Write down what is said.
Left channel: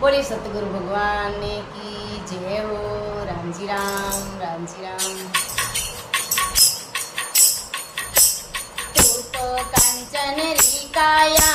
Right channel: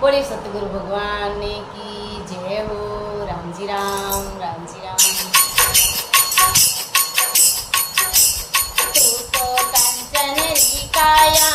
बोले सतगुरु भगवान की जय हो। राम जी राम, राम जी राम। तू तो कांचन री काया